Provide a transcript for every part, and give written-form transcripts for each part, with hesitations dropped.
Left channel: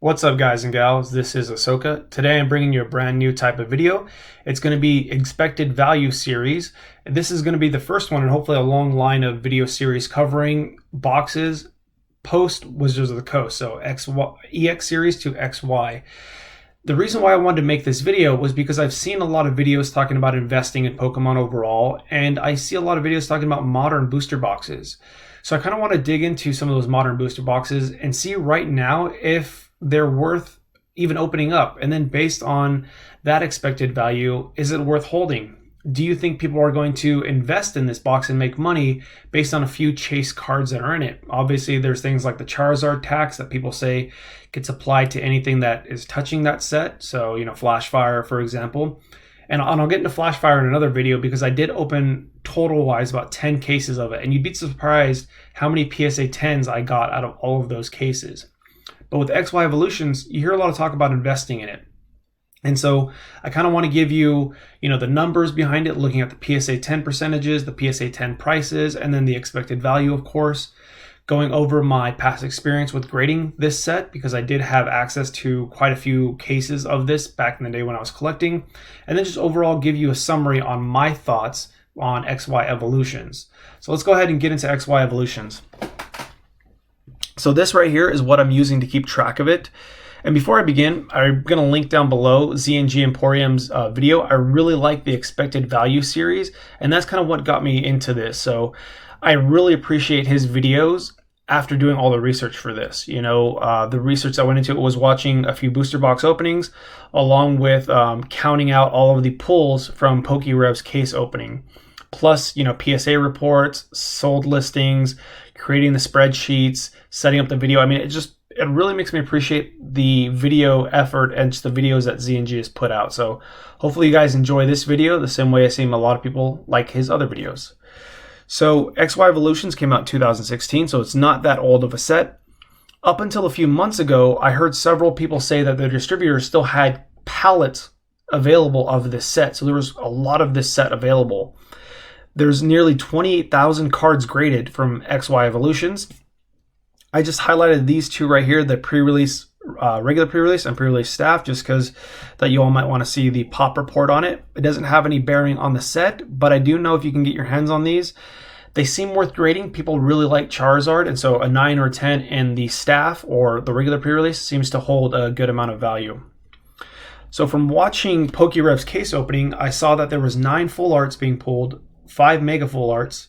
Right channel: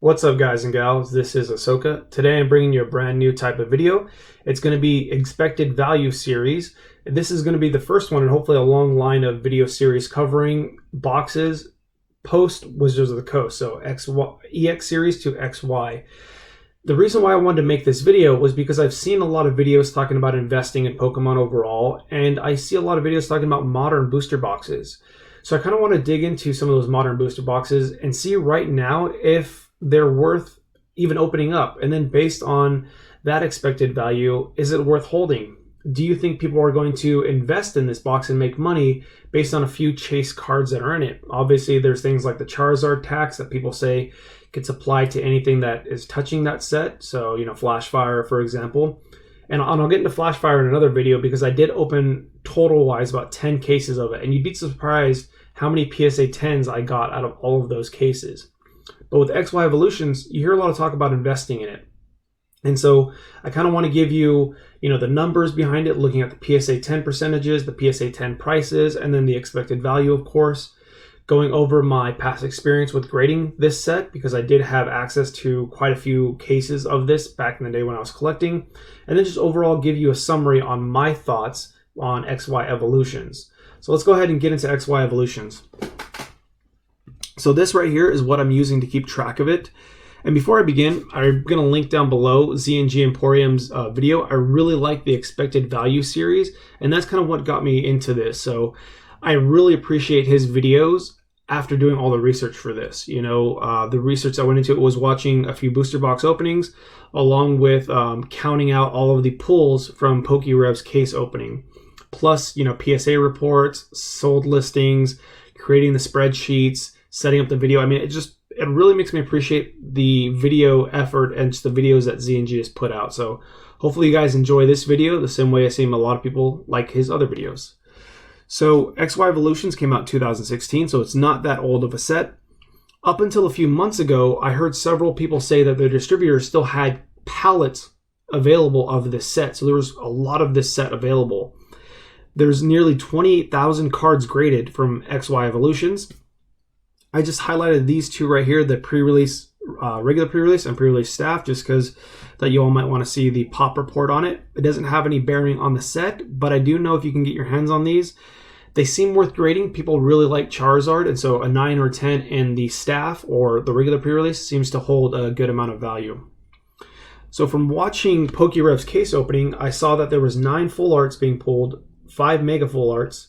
What's up, guys and gals? This is Ahsoka. Today I'm bringing you a brand new type of video. It's going to be expected value series. This is going to be the first one and hopefully a long line of video series covering boxes post Wizards of the Coast. So EX series to XY. The reason why I wanted to make this video was because I've seen a lot of videos talking about investing in Pokemon overall, and I see a lot of videos talking about modern booster boxes. So I kind of want to dig into some of those modern booster boxes and see right now if they're worth even opening up. And then based on that expected value, is it worth holding? Do you think people are going to invest in this box and make money based on a few chase cards that are in it? Obviously, there's things like the Charizard tax that people say gets applied to anything that is touching that set. So, Flashfire, for example. And I'll get into Flashfire in another video because I did open total-wise about 10 cases of it. And you'd be surprised how many PSA 10s I got out of all of those cases. But with XY Evolutions, you hear a lot of talk about investing in it. And so I kind of want to give you, the numbers behind it, looking at the PSA 10 percentages, the PSA 10 prices, and then the expected value, of course. Going over my past experience with grading this set because I did have access to quite a few cases of this back in the day when I was collecting. And then just overall give you a summary on my thoughts on XY Evolutions. So let's go ahead and get into XY Evolutions. So this right here is what I'm using to keep track of it. And before I begin, I'm going to link down below Z&G Emporium's video. I really like the expected value series, and that's kind of what got me into this. So I really appreciate his videos after doing all the research for this. The research I went into it was watching a few booster box openings, along with counting out all of the pulls from PokeRev's case opening. Plus, PSA reports, sold listings, creating the spreadsheets, setting up the video. I mean, it really makes me appreciate the video effort and just the videos that Z&G has put out. So hopefully you guys enjoy this video the same way I seem a lot of people like his other videos. So XY Evolutions came out in 2016, so it's not that old of a set. Up until a few months ago, I heard several people say that their distributors still had pallets available of this set. So there was a lot of this set available. There's nearly 28,000 cards graded from XY Evolutions. I just highlighted these two right here, the pre-release, regular pre-release and pre-release staff, just because that you all might want to see the pop report on it. It doesn't have any bearing on the set, but I do know if you can get your hands on these, they seem worth grading. People really like Charizard, and so a 9 or a 10 in the staff or the regular pre-release seems to hold a good amount of value. So from watching PokeRev's case opening, I saw that there was 9 full arts being pulled, 5 mega full arts,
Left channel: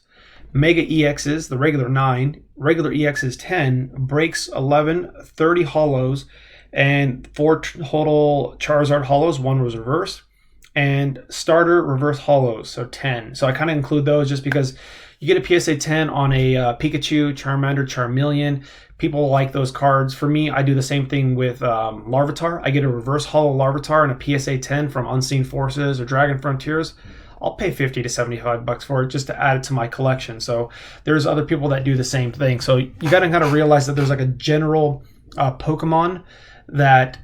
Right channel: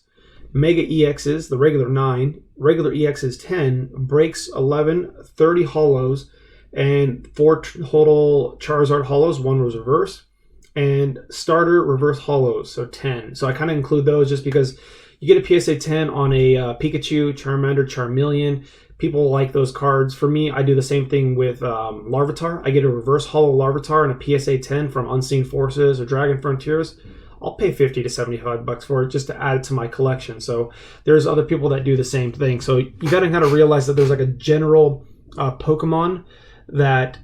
Mega EXs, the regular 9, regular EXs 10, breaks 11, 30 holos, and 4 total Charizard holos, 1 was reverse, and starter reverse holos, so 10. So I kind of include those just because you get a PSA 10 on a Pikachu, Charmander, Charmeleon. People like those cards. For me, I do the same thing with Larvitar. I get a reverse holo Larvitar and a PSA 10 from Unseen Forces or Dragon Frontiers. I'll pay 50 to 75 bucks for it just to add it to my collection. So there's other people that do the same thing. So you got to kind of realize that there's like a general Pokemon that,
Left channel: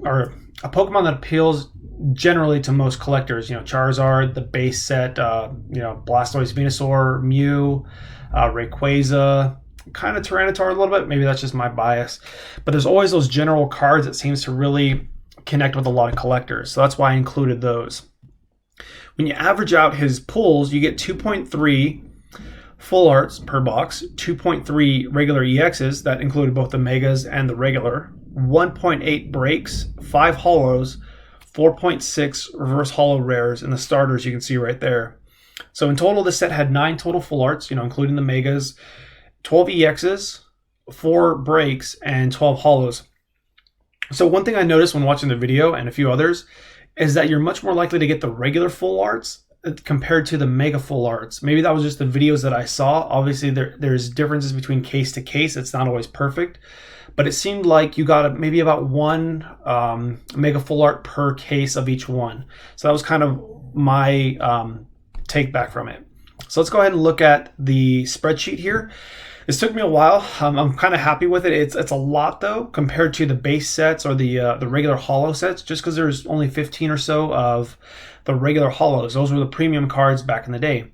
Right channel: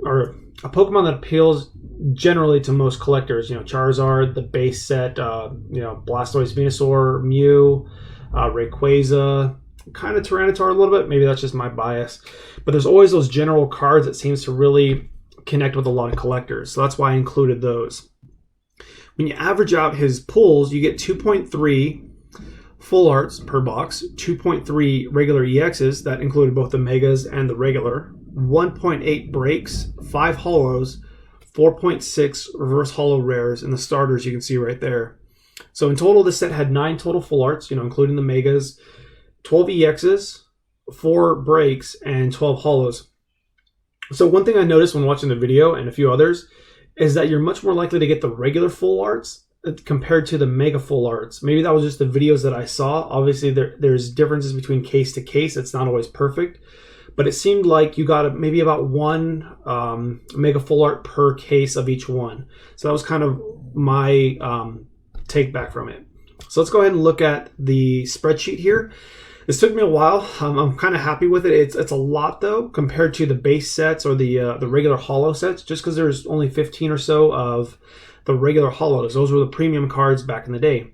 or a Pokemon that appeals generally to most collectors. Charizard, the base set, Blastoise, Venusaur, Mew, Rayquaza, kind of Tyranitar a little bit. Maybe that's just my bias. But there's always those general cards that seems to really connect with a lot of collectors. So that's why I included those. When you average out his pulls, you get 2.3 full arts per box, 2.3 regular EXs, that included both the megas and the regular, 1.8 breaks, 5 holos, 4.6 reverse holo rares, and the starters you can see right there. So in total, this set had 9 total full arts, including the megas, 12 EXs, 4 breaks, and 12 holos. So one thing I noticed when watching the video, and a few others, is that you're much more likely to get the regular full arts compared to the mega full arts. Maybe that was just the videos that I saw. Obviously, there's differences between case to case. It's not always perfect. But it seemed like you got maybe about 1 mega full art per case of each one. So that was kind of my take back from it. So let's go ahead and look at the spreadsheet here. This took me a while. I'm kind of happy with it. It's a lot though compared to the base sets or the regular holo sets, just because there's only 15 or so of the regular holos. Those were the premium cards back in the day.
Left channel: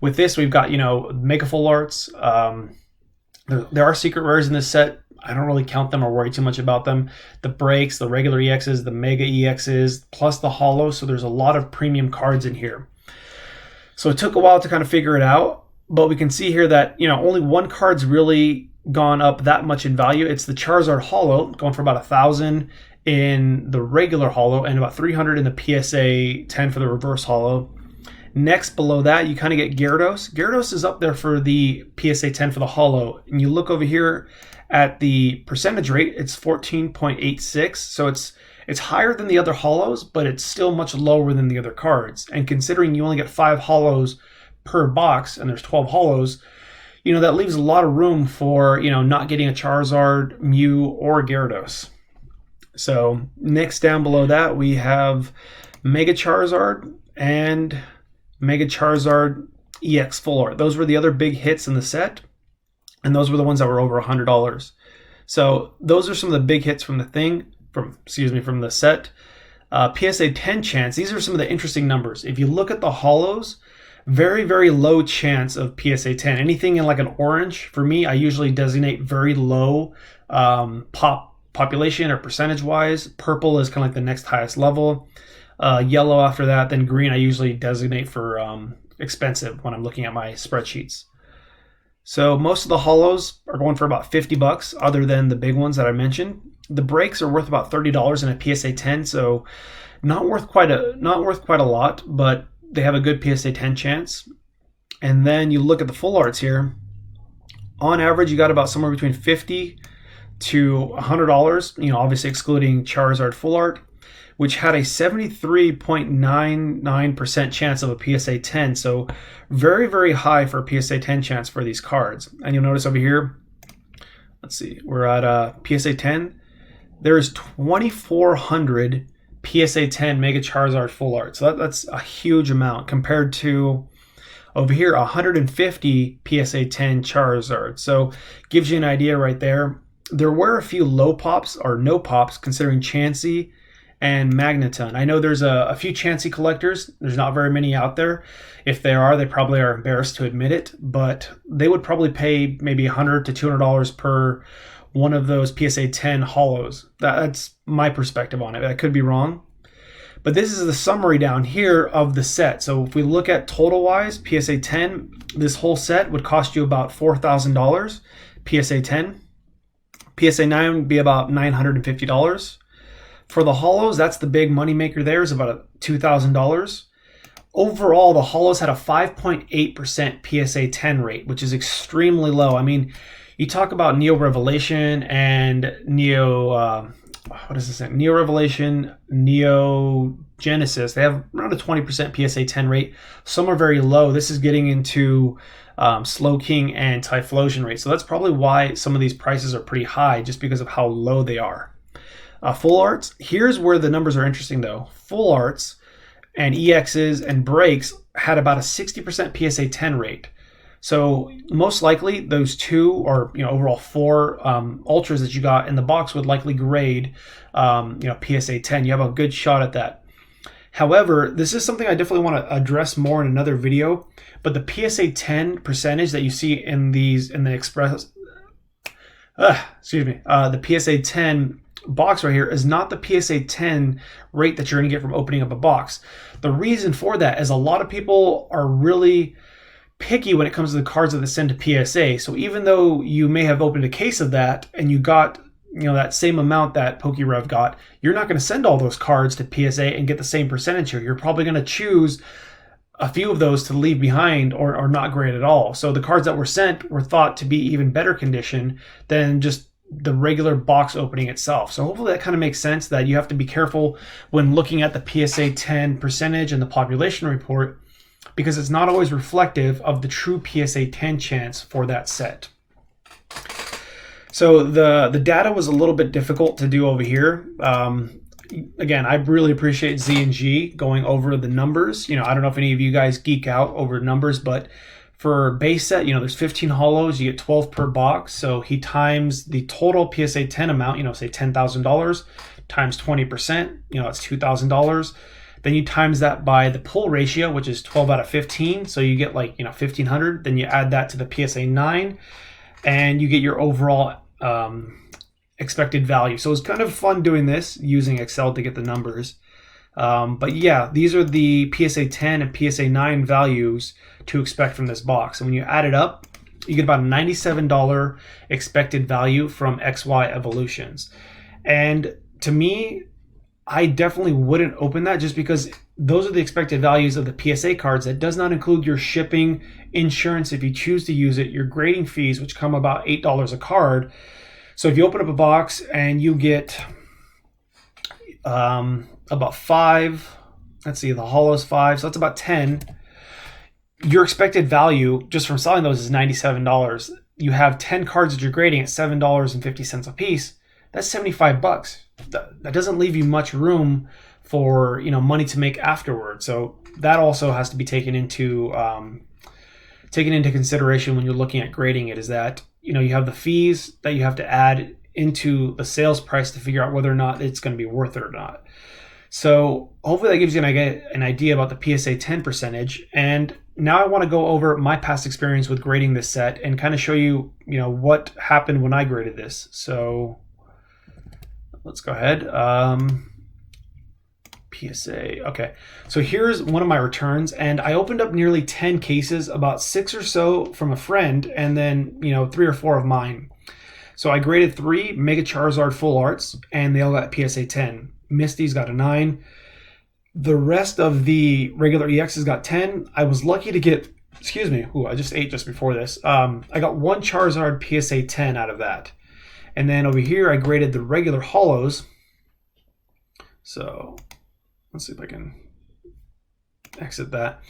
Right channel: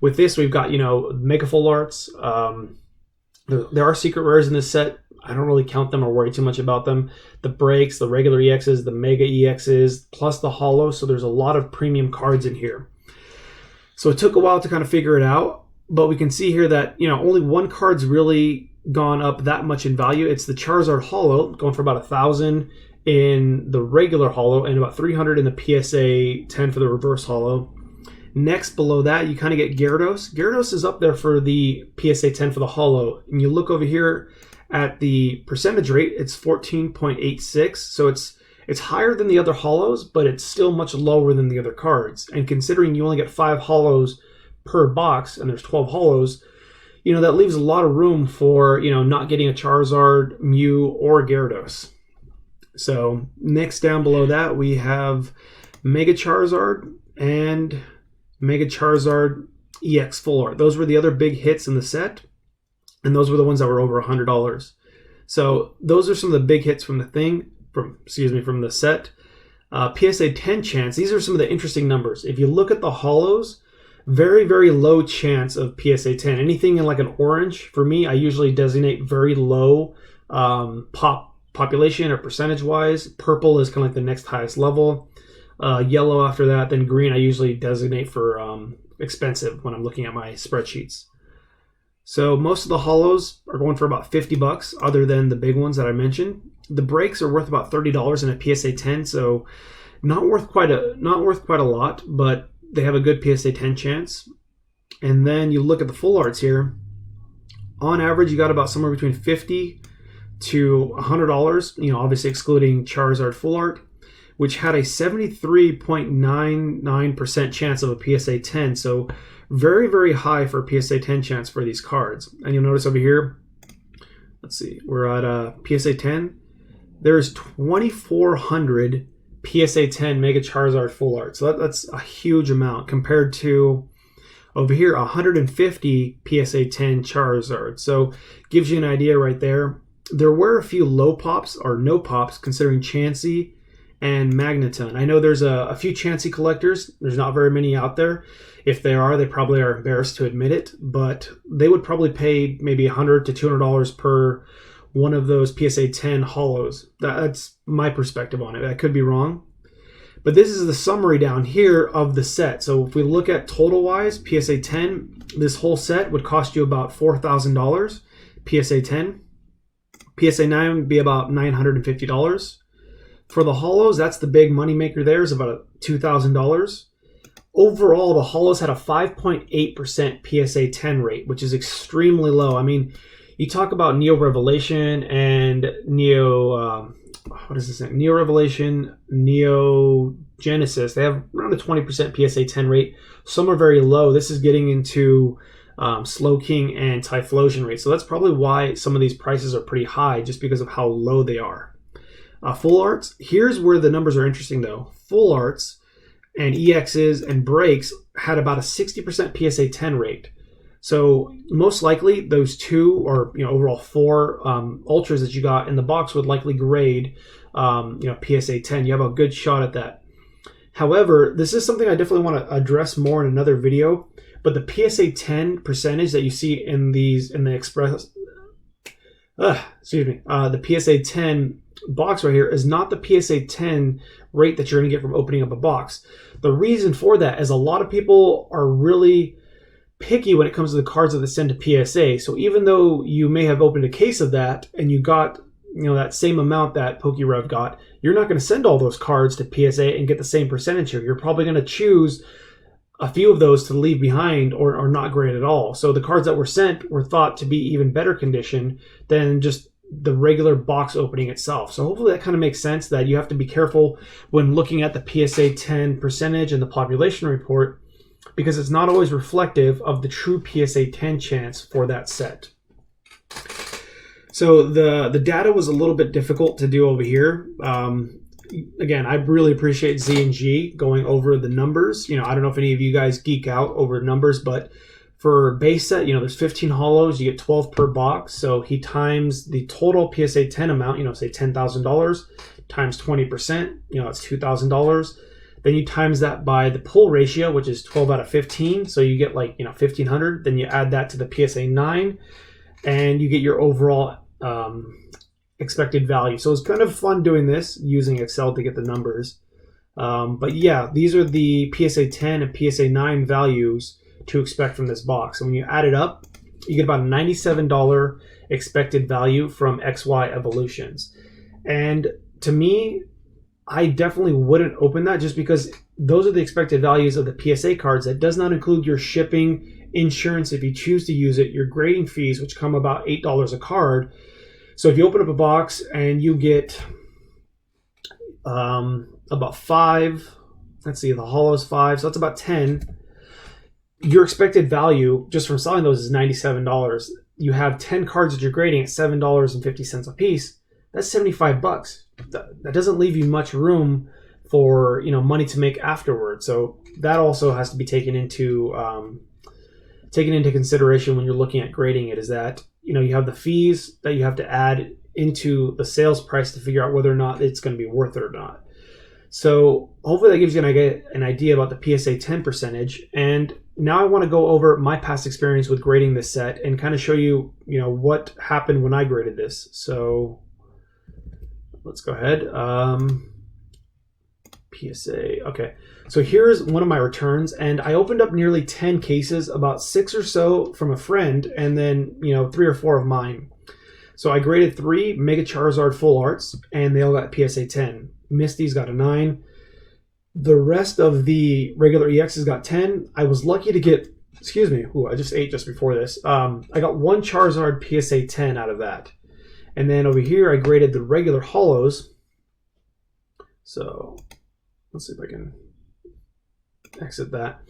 With this, we've got mega full arts. There are secret rares in this set. I don't really count them or worry too much about them. The breaks, the regular EXs, the mega EXs, plus the holo. So there's a lot of premium cards in here. So it took a while to kind of figure it out, but we can see here that, only one card's really gone up that much in value. It's the Charizard holo, going for about 1,000 in the regular holo and about 300 in the PSA 10 for the reverse holo. Next, below that, you kind of get Gyarados. Gyarados is up there for the PSA 10 for the holo. And you look over here at the percentage rate, it's 14.86. So it's higher than the other holos, but it's still much lower than the other cards. And considering you only get 5 holos per box, and there's 12 holos, that leaves a lot of room for, not getting a Charizard, Mew, or Gyarados. So next down below that, we have Mega Charizard and Mega Charizard EX Full Art. Those were the other big hits in the set, and those were the ones that were over $100. So those are some of the big hits from from the set. PSA 10 chance, these are some of the interesting numbers. If you look at the holos, very, very low chance of PSA 10. Anything in like an orange, for me, I usually designate very low population or percentage-wise. Purple is kind of like the next highest level. Yellow after that, then green I usually designate for expensive when I'm looking at my spreadsheets. So most of the holos are going for about $50 other than the big ones that I mentioned. The breaks are worth about $30 in a PSA 10, so not worth quite a lot, but they have a good PSA 10 chance. And then you look at the full arts here. On average, you got about somewhere between $50 to $100, obviously excluding Charizard full art, which had a 73.99% chance of a PSA 10. So very, very high for a PSA 10 chance for these cards. And you'll notice over here, let's see, we're at PSA 10. There's 2,400 PSA 10 Mega Charizard full art. So that's a huge amount compared to over here, 150 PSA 10 Charizard. So gives you an idea right there. There were a few low pops or no pops considering Chansey and Magneton. I know there's a few Chansey collectors. There's not very many out there. If there are, they probably are embarrassed to admit it, but they would probably pay maybe $100 to $200 per one of those PSA 10 holos. That's my perspective on it. I could be wrong. But this is the summary down here of the set. So if we look at total wise, PSA 10, this whole set would cost you about $4,000. PSA 10. PSA 9 would be about $950. For the holos, that's the big money maker there, is about $2,000. Overall, the holos had a 5.8% PSA 10 rate, which is extremely low. I mean, you talk about Neo Revelation and Neo Revelation, Neo Genesis. They have around a 20% PSA 10 rate. Some are very low. This is getting into Slowking and Typhlosion rate. So that's probably why some of these prices are pretty high, just because of how low they are. Full arts, here's where the numbers are interesting though. Full arts and EXs and breaks had about a 60% PSA 10 rate. So most likely those two or overall 4 ultras that you got in the box would likely grade PSA 10. You have a good shot at that. However, this is something I definitely want to address more in another video, but the PSA 10 percentage that you see in the PSA 10 box right here is not the PSA 10 rate that you're going to get from opening up a box. The reason for that is a lot of people are really picky when it comes to the cards that they send to PSA. So even though you may have opened a case of that and you got that same amount that PokeRev got, you're not going to send all those cards to PSA and get the same percentage here. You're probably going to choose a few of those to leave behind or not grade at all. So the cards that were sent were thought to be even better condition than just the regular box opening itself. So hopefully that kind of makes sense, that you have to be careful when looking at the PSA 10 percentage and the population report, because it's not always reflective of the true PSA 10 chance for that set. So the data was a little bit difficult to do over here. Again, I really appreciate Z and G going over the numbers. I don't know if any of you guys geek out over numbers, but for base set, there's 15 holos, you get 12 per box. So he times the total PSA 10 amount, say $10,000 times 20%, that's $2,000. Then you times that by the pull ratio, which is 12 out of 15. So you get 1,500. Then you add that to the PSA 9 and you get your overall expected value. So it's kind of fun doing this using Excel to get the numbers. But yeah, these are the PSA 10 and PSA 9 values to expect from this box. And when you add it up, you get about a $97 expected value from XY Evolutions. And to me, I definitely wouldn't open that just because those are the expected values of the PSA cards. That does not include your shipping, insurance if you choose to use it, your grading fees, which come about $8 a card. So if you open up a box and you get about 5, let's see, the hollows 5, so that's about 10. Your expected value just from selling those is $97. You have 10 cards that you're grading at $7.50 a piece. That's $75. That doesn't leave you much room for money to make afterwards. So that also has to be taken into consideration when you're looking at grading it. Is that you have the fees that you have to add into the sales price to figure out whether or not it's going to be worth it or not. So hopefully that gives you an idea about the PSA 10 percentage. And now I want to go over my past experience with grading this set and kind of show you, what happened when I graded this. So let's go ahead. PSA. Okay. So here's one of my returns, and I opened up nearly 10 cases, about 6 or so from a friend, and then, 3 or 4 of mine. So I graded 3 Mega Charizard Full Arts, and they all got PSA 10. Misty's got a 9. The rest of the regular EXs got 10. I was lucky to get, I just ate just before this. I got 1 Charizard PSA 10 out of that. And then over here, I graded the regular hollows. So let's see if I can exit that.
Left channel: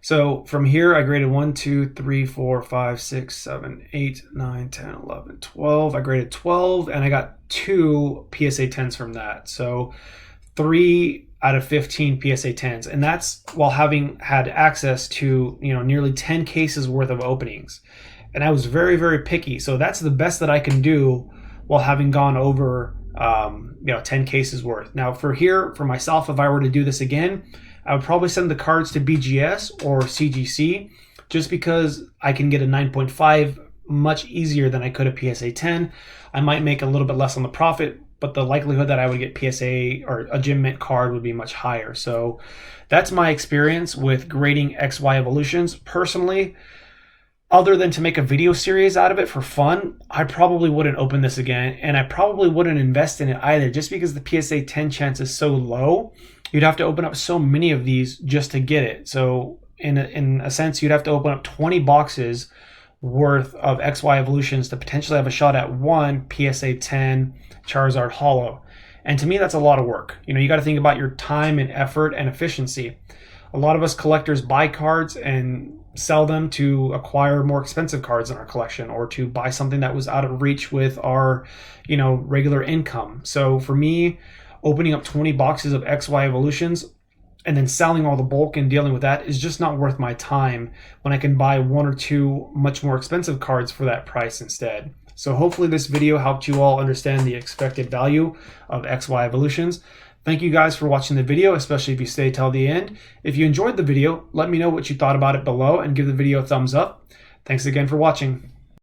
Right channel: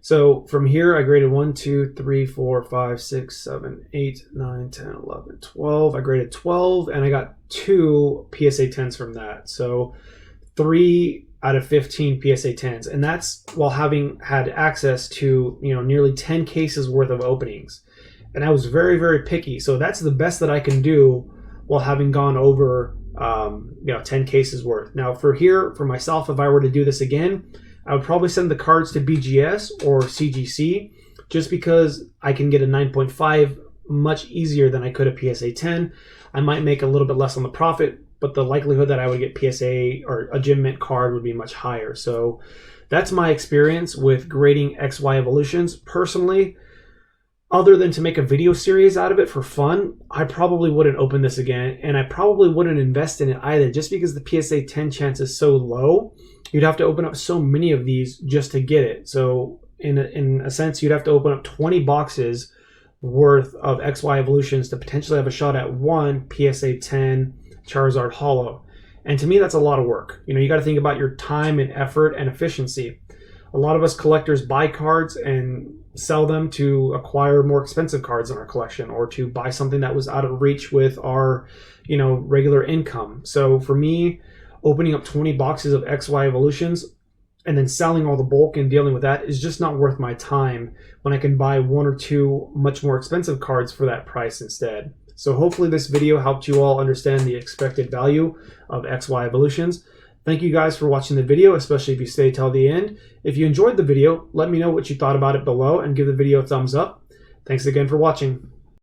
So from here, I graded 1, 2, 3, 4, 5, 6, 7, 8, 9, 10, 11, 12. I graded 12, and I got 2 PSA 10s from that. So 3 out of 15 PSA 10s. And that's while having had access to, nearly 10 cases worth of openings. And I was very, very picky. So that's the best that I can do while having gone over, 10 cases worth. Now for myself, if I were to do this again, I would probably send the cards to BGS or CGC just because I can get a 9.5 much easier than I could a PSA 10. I might make a little bit less on the profit, but the likelihood that I would get PSA or a Gem Mint card would be much higher. So that's my experience with grading XY Evolutions. Personally, other than to make a video series out of it for fun, I probably wouldn't open this again, and I probably wouldn't invest in it either just because the PSA 10 chance is so low. You'd have to open up so many of these just to get it. So in a sense, you'd have to open up 20 boxes worth of XY Evolutions to potentially have a shot at 1 PSA 10 Charizard Hollow. And to me, that's a lot of work. You got to think about your time and effort and efficiency. A lot of us collectors buy cards and sell them to acquire more expensive cards in our collection or to buy something that was out of reach with our, regular income. So for me, opening up 20 boxes of XY Evolutions and then selling all the bulk and dealing with that is just not worth my time when I can buy 1 or 2 much more expensive cards for that price instead. So hopefully this video helped you all understand the expected value of XY Evolutions. Thank you guys for watching the video, especially if you stayed till the end. If you enjoyed the video, let me know what you thought about it below and give the video a thumbs up. Thanks again for watching.